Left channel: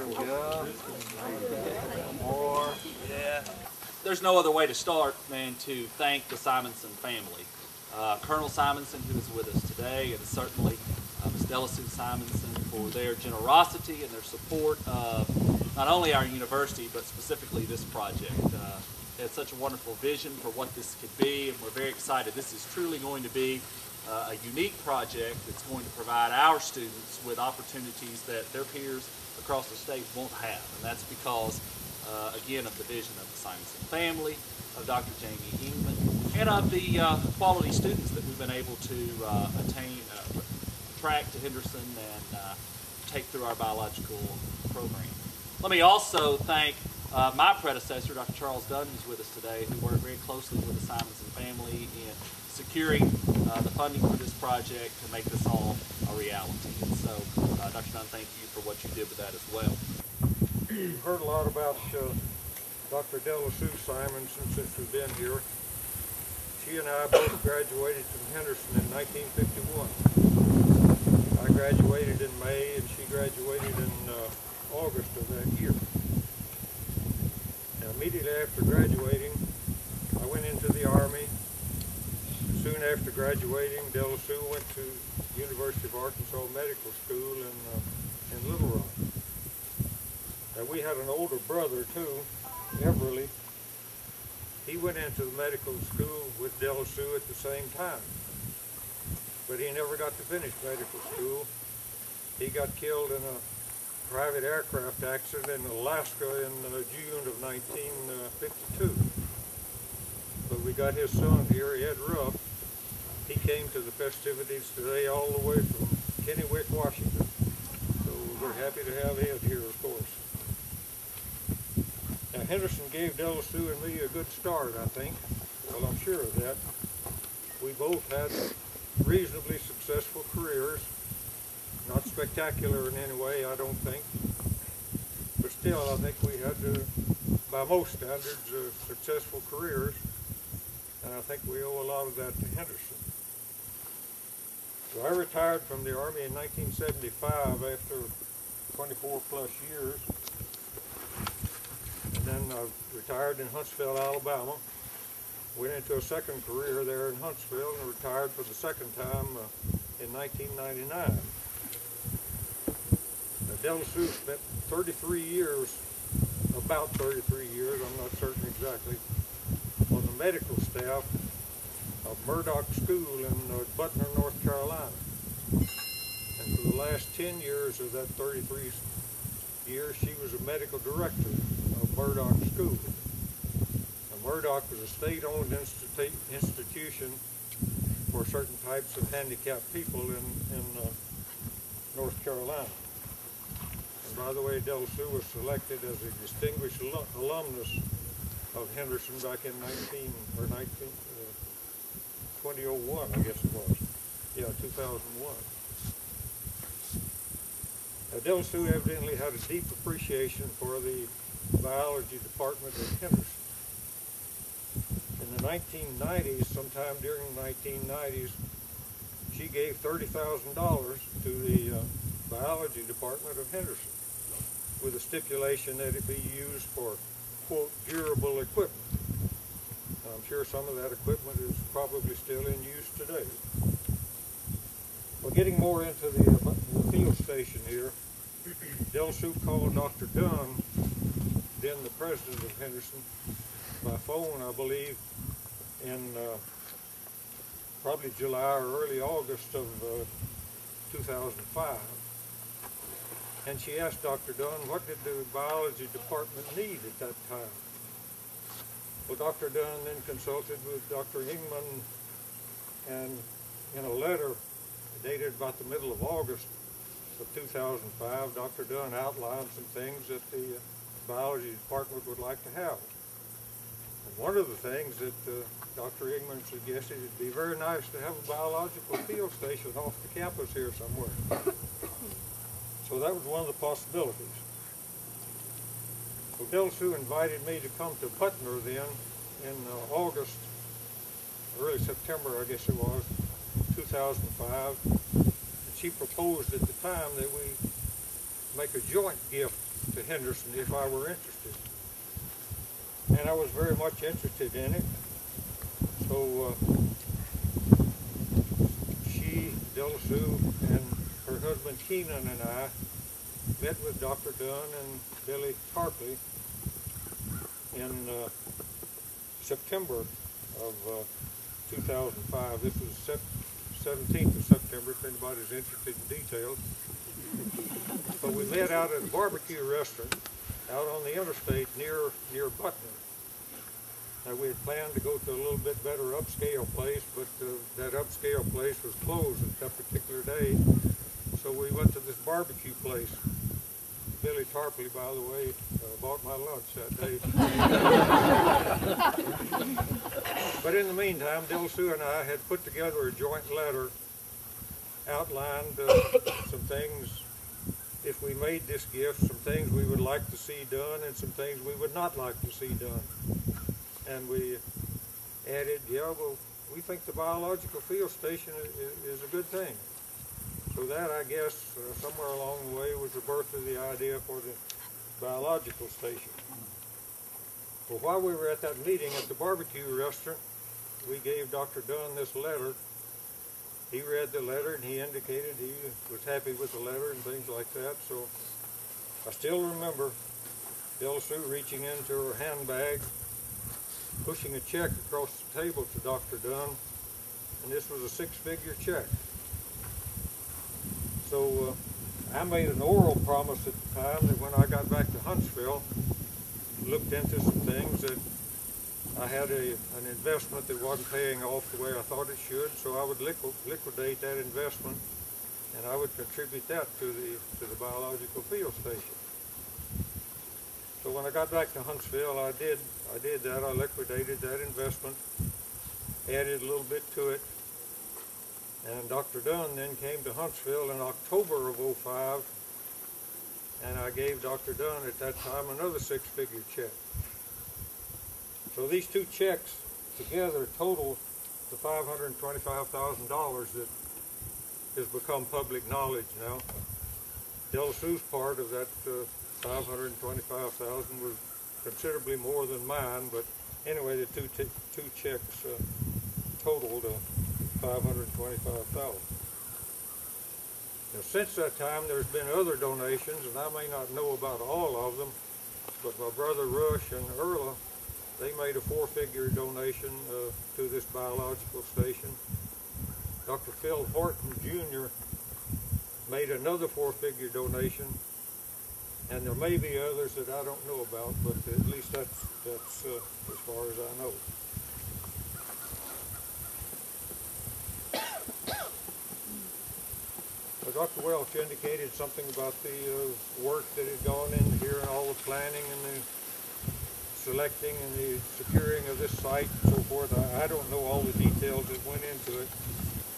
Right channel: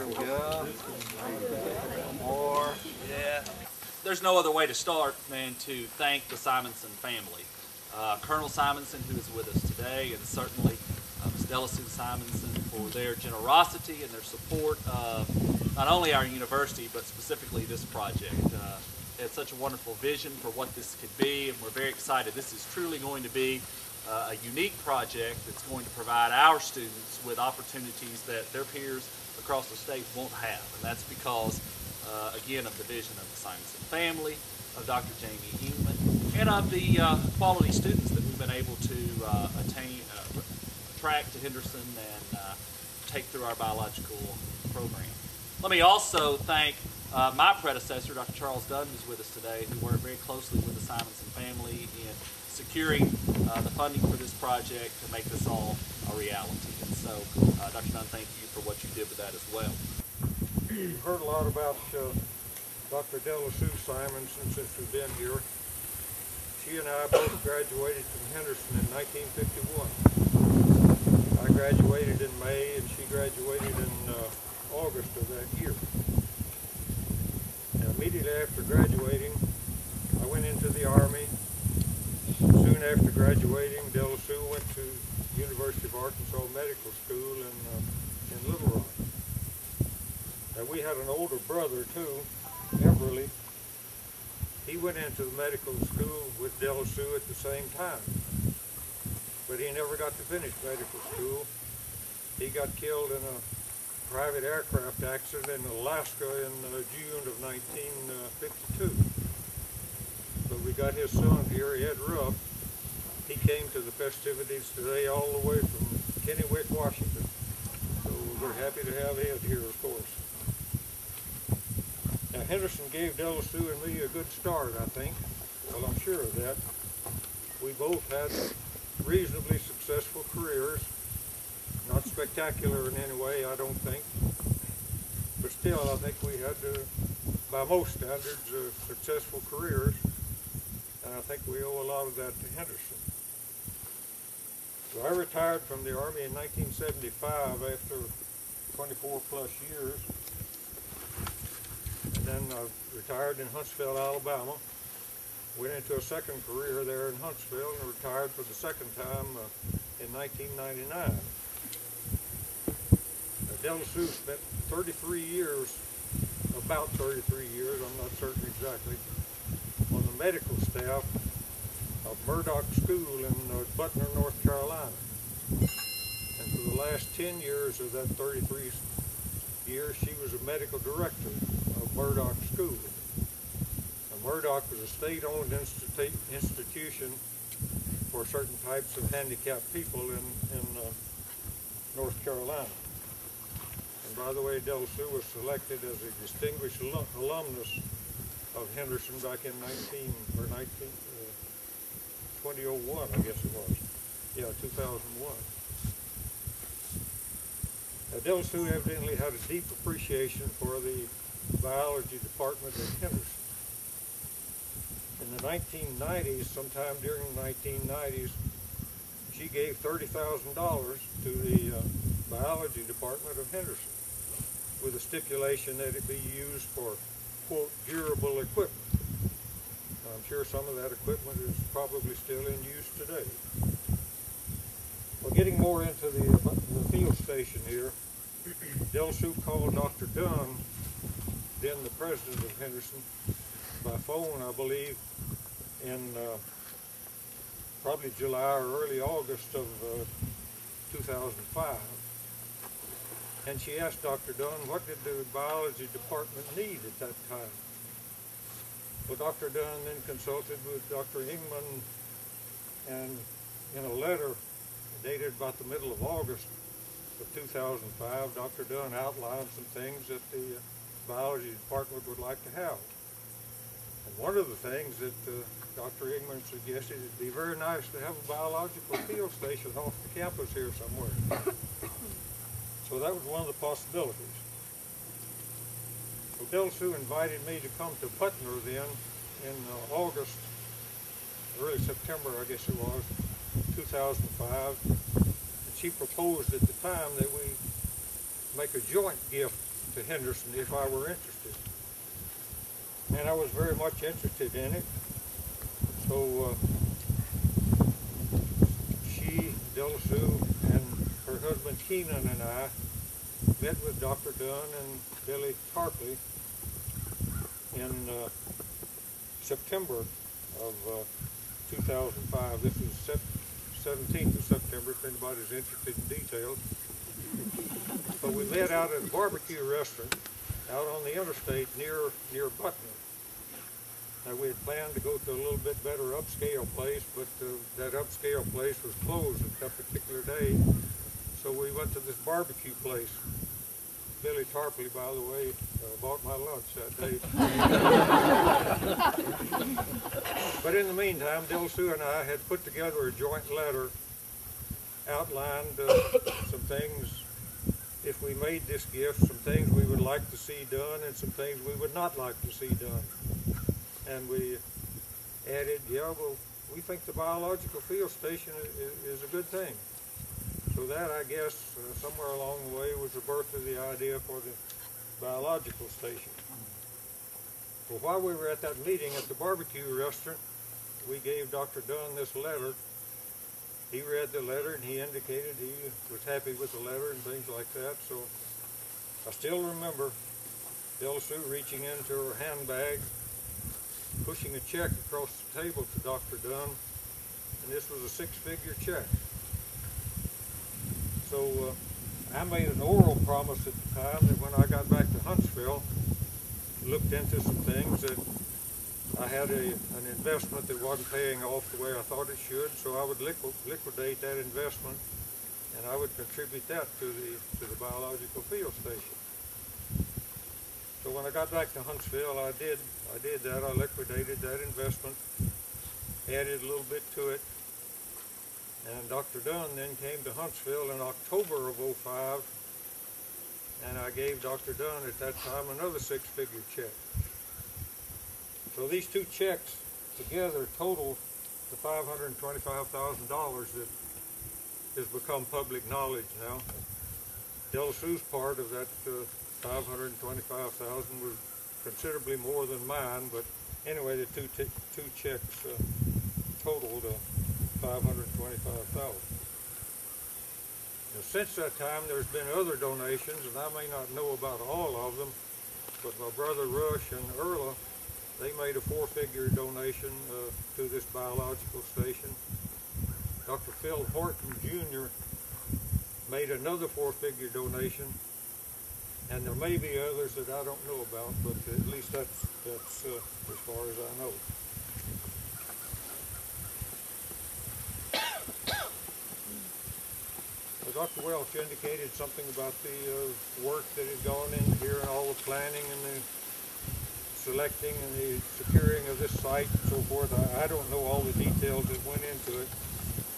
There we go. More. Yeah. There's no other way to start than to thank the Simonson family. Colonel Simonson, who is with us today, and certainly Ms. Delasue Simonson for their generosity and their support of not only our university, but specifically this project. They had such a wonderful vision for what this could be, and we're very excited. This is truly going to be a unique project that's going to provide our students with opportunities that their peers across the state won't have. And that's because, again, of the vision of the Simonson family, of Dr. Jamie Engman, and of the quality students that we've been able to attract to Henderson and take through our biological program. Let me also thank my predecessor, Dr. Charles Dunn, who's with us today, who worked very closely with the Simonson family in securing the funding for this project to make this all a reality. And so, Dr. Dunn, thank you for what you did with that as well. You've heard a lot about Dr. Delasue Simonson since we've been here. She and I both graduated from Henderson in 1951. I graduated in May and she graduated in August of that year. Now, immediately after graduating, I went into the Army. Soon after graduating, Delasue went to University of Arkansas Medical School in Little Rock. Now, we had an older brother too, Everly. He went into the medical school with Delasue at the same time, but he never got to finish medical school. He got killed in a private aircraft accident in Alaska in June of 1952. But we got his son here, Ed Ruff. He came to the festivities today all the way from Kennewick, Washington. So we're happy to have Ed here, of course. Now, Henderson gave Delasue and me a good start, I think. Well, I'm sure of that. We both had reasonably successful careers. Not spectacular in any way, I don't think. But still, I think we had, by most standards, successful careers. And I think we owe a lot of that to Henderson. So I retired from the Army in 1975 after 24 plus years. And then I retired in Huntsville, Alabama. Went into a second career there in Huntsville and retired for the second time in 1999. Now, Delasue spent 33 years, about 33 years, I'm not certain exactly, on the medical staff of Murdoch School in Butner, North Carolina. And for the last 10 years of that 33 years, she was a medical director of Murdoch School. Now, Murdoch was a state-owned institution for certain types of handicapped people in North Carolina. And by the way, Delasue was selected as a distinguished alumnus of Henderson back in 2001, I guess it was. Yeah, 2001. Now, Delasue evidently had a deep appreciation for the biology department at Henderson. In the 1990s, sometime during the 1990s, she gave $30,000 to the biology department of Henderson with a stipulation that it be used for, quote, durable equipment. Now, I'm sure some of that equipment is probably still in use today. Well, getting more into the field station here, Delasue called Dr. Dunn, then the president of Henderson, by phone, I believe, in probably July or early August of 2005. And she asked Dr. Dunn, what did the biology department need at that time? Well, Dr. Dunn then consulted with Dr. Engman, and in a letter dated about the middle of August of 2005, Dr. Dunn outlined some things that the biology department would like to have. And one of the things that Dr. Engman suggested, it'd be very nice to have a biological field station off the campus here somewhere. So that was one of the possibilities. So Delasue invited me to come to Butner then in August, early September I guess it was, 2005. And she proposed at the time that we make a joint gift to Henderson if I were interested. And I was very much interested in it. So she, Della Sue, and her husband Keenan and I met with Dr. Dunn and Billy Tarpley in September of 2005. This was 17th of September, if anybody's interested in details. But we met out at a barbecue restaurant out on the interstate near Butner. Now, we had planned to go to a little bit better upscale place, but that upscale place was closed at that particular day. So we went to this barbecue place. Billy Tarpley, by the way, bought my lunch that day. But in the meantime, Della Sue and I had put together a joint letter, outlined some things, if we made this gift, some things we would like to see done and some things we would not like to see done. And we added, yeah, well, we think the biological field station is a good thing. So that, I guess, somewhere along the way was the birth of the idea for the biological station. Well, while we were at that meeting at the barbecue restaurant, we gave Dr. Dunn this letter. He read the letter and he indicated he was happy with the letter and things like that. So I still remember Della Sue reaching into her handbag, pushing a check across the table to Dr. Dunn, and this was a 6-figure check. So I made an oral promise at the time that when I got back to Huntsville, looked into some things, that I had an investment that wasn't paying off the way I thought it should, so I would liquidate that investment and I would contribute that to the biological field station. So when I got back to Huntsville, I did that. I liquidated that investment, added a little bit to it, and Dr. Dunn then came to Huntsville in October of '05, and I gave Dr. Dunn at that time another 6-figure check. So these two checks together total the $525,000 that has become public knowledge now. Della Sue's part of that $525,000 was considerably more than mine, but anyway, the two checks totaled $525,000. Now, since that time, there's been other donations, and I may not know about all of them, but my brother Rush and Erla, they made a 4-figure donation to this biological station. Dr. Phil Horton Jr. made another 4-figure donation, and there may be others that I don't know about, but at least that's as far as I know. Dr. Welch indicated something about the work that had gone in here and all the planning and the selecting and the securing of this site and so forth. I don't know all the details that went into it,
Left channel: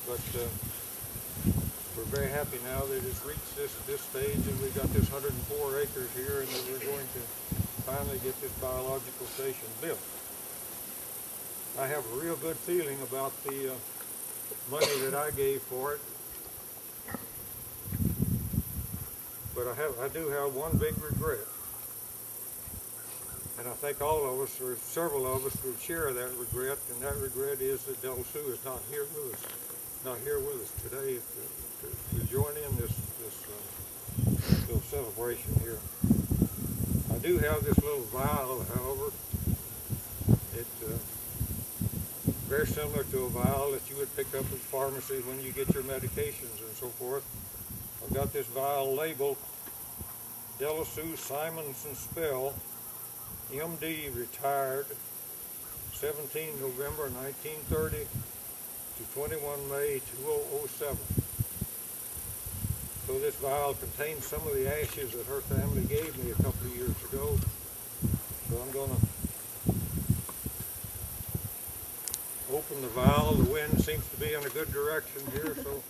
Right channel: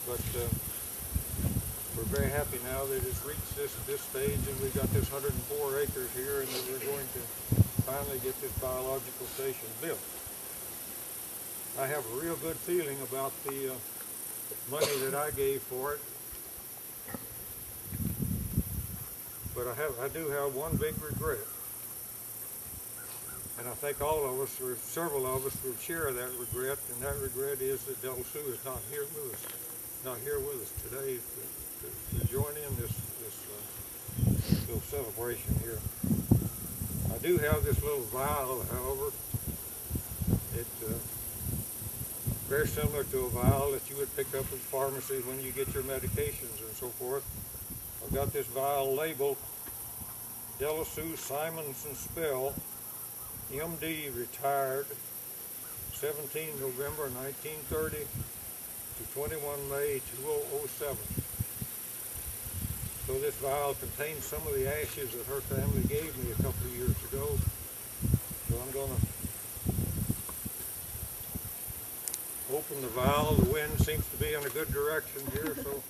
but we're very happy now that it's reached this stage and we've got this 104 acres here and that we're going to finally get this biological station built. I have a real good feeling about the money that I gave for it. But I do have one big regret, and I think all of us, or several of us, would share that regret, and that regret is that Della Sue is not here with us today to join in this little celebration here. I do have this little vial, however. It's very similar to a vial that you would pick up at the pharmacy when you get your medications and so forth. I've got this vial labeled Della Sue Simonson Spell, MD, retired, 17 November 1930 to 21 May 2007. So this vial contains some of the ashes that her family gave me a couple of years ago. So I'm going to open the vial. The wind seems to be in a good direction here, so